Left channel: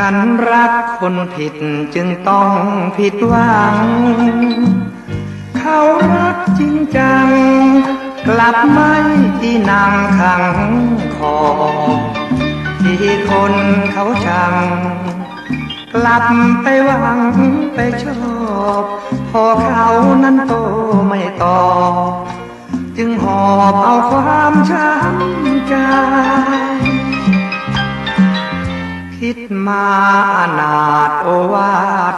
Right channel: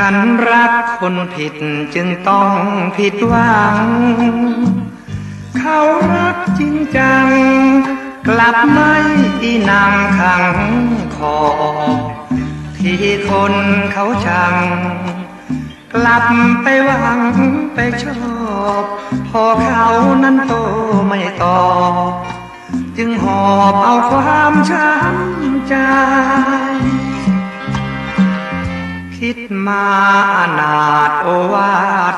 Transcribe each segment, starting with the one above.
ฉันรักคนผิดจึงต้องผิดหวัง เขารักจริงจัง กลับไม่ดีนำขังคอที่คนเขาชัง กลับไปหวังไปชอบพอเขานั้นโตไม่ต่อ จึงหอบเอาความช้ำ มาอนาถโอวา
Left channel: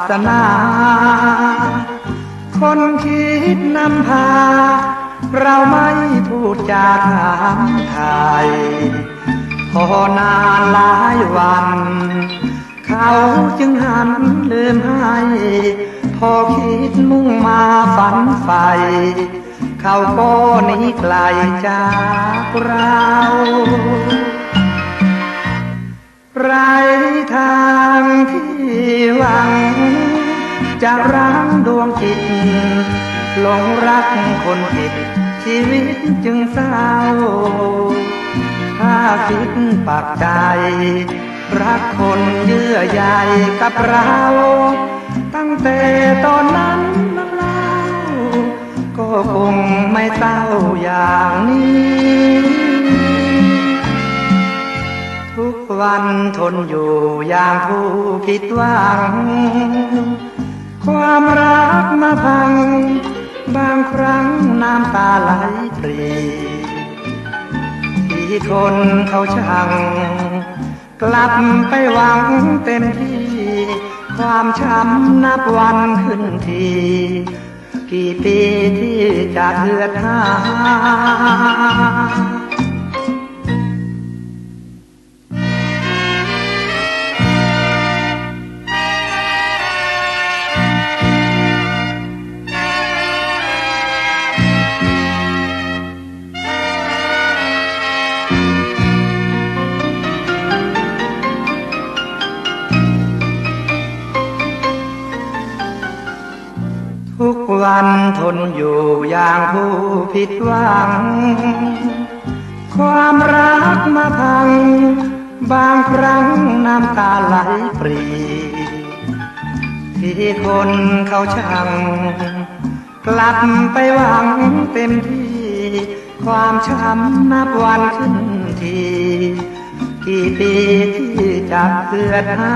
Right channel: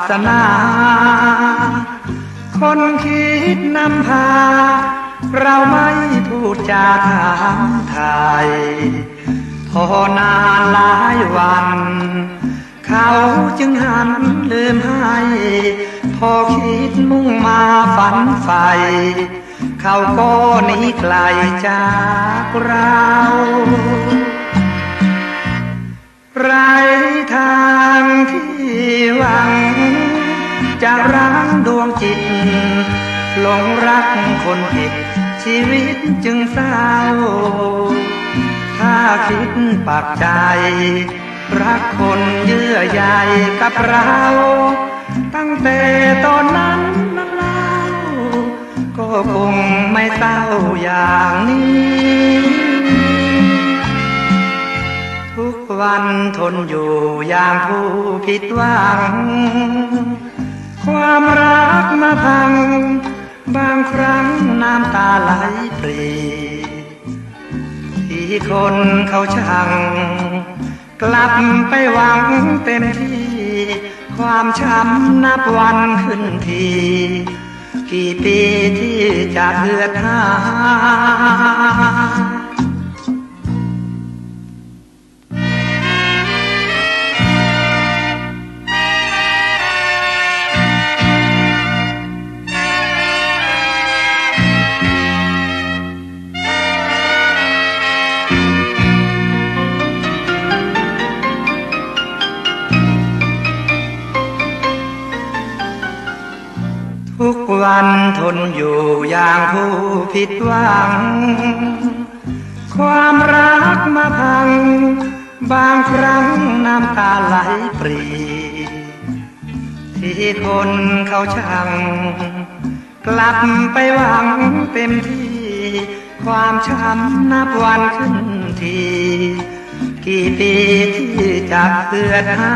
สนา คนคิดนำพา เราไม่พูดจาถามไทย พอนานหลายวัน เขาจึงหันลืมให้ พอคิดมุ่งมาฝันใฝ่เขาก็หนีไกลจากเราไร หวัง จะรังดวงจิตหลงรักคนผิด ชีวิตจึงเศร้า ถ้าคิดปักใจ รักคนเยื่อใยกับเรา ตั้งแต่ ทนอยู่อย่างผู้ผิดหวัง ความรักมาพัง บางครั้งน้ำตาไหลปรีที่คนเขาชังกลับไปหวังเต็มที่ ความช้ำนับวันขึ้นที กี่ปีที่จะเหือดหา วันทนอยู่อย่างผู้ผิดหวัง ความรักมาพัง บางครั้งน้ำตาไหลปรีที่คนเขาชัง กลับไปหวังเต็มที่ ความช้ำนับวันขึ้นที กี่ปีที่จะเกิดหา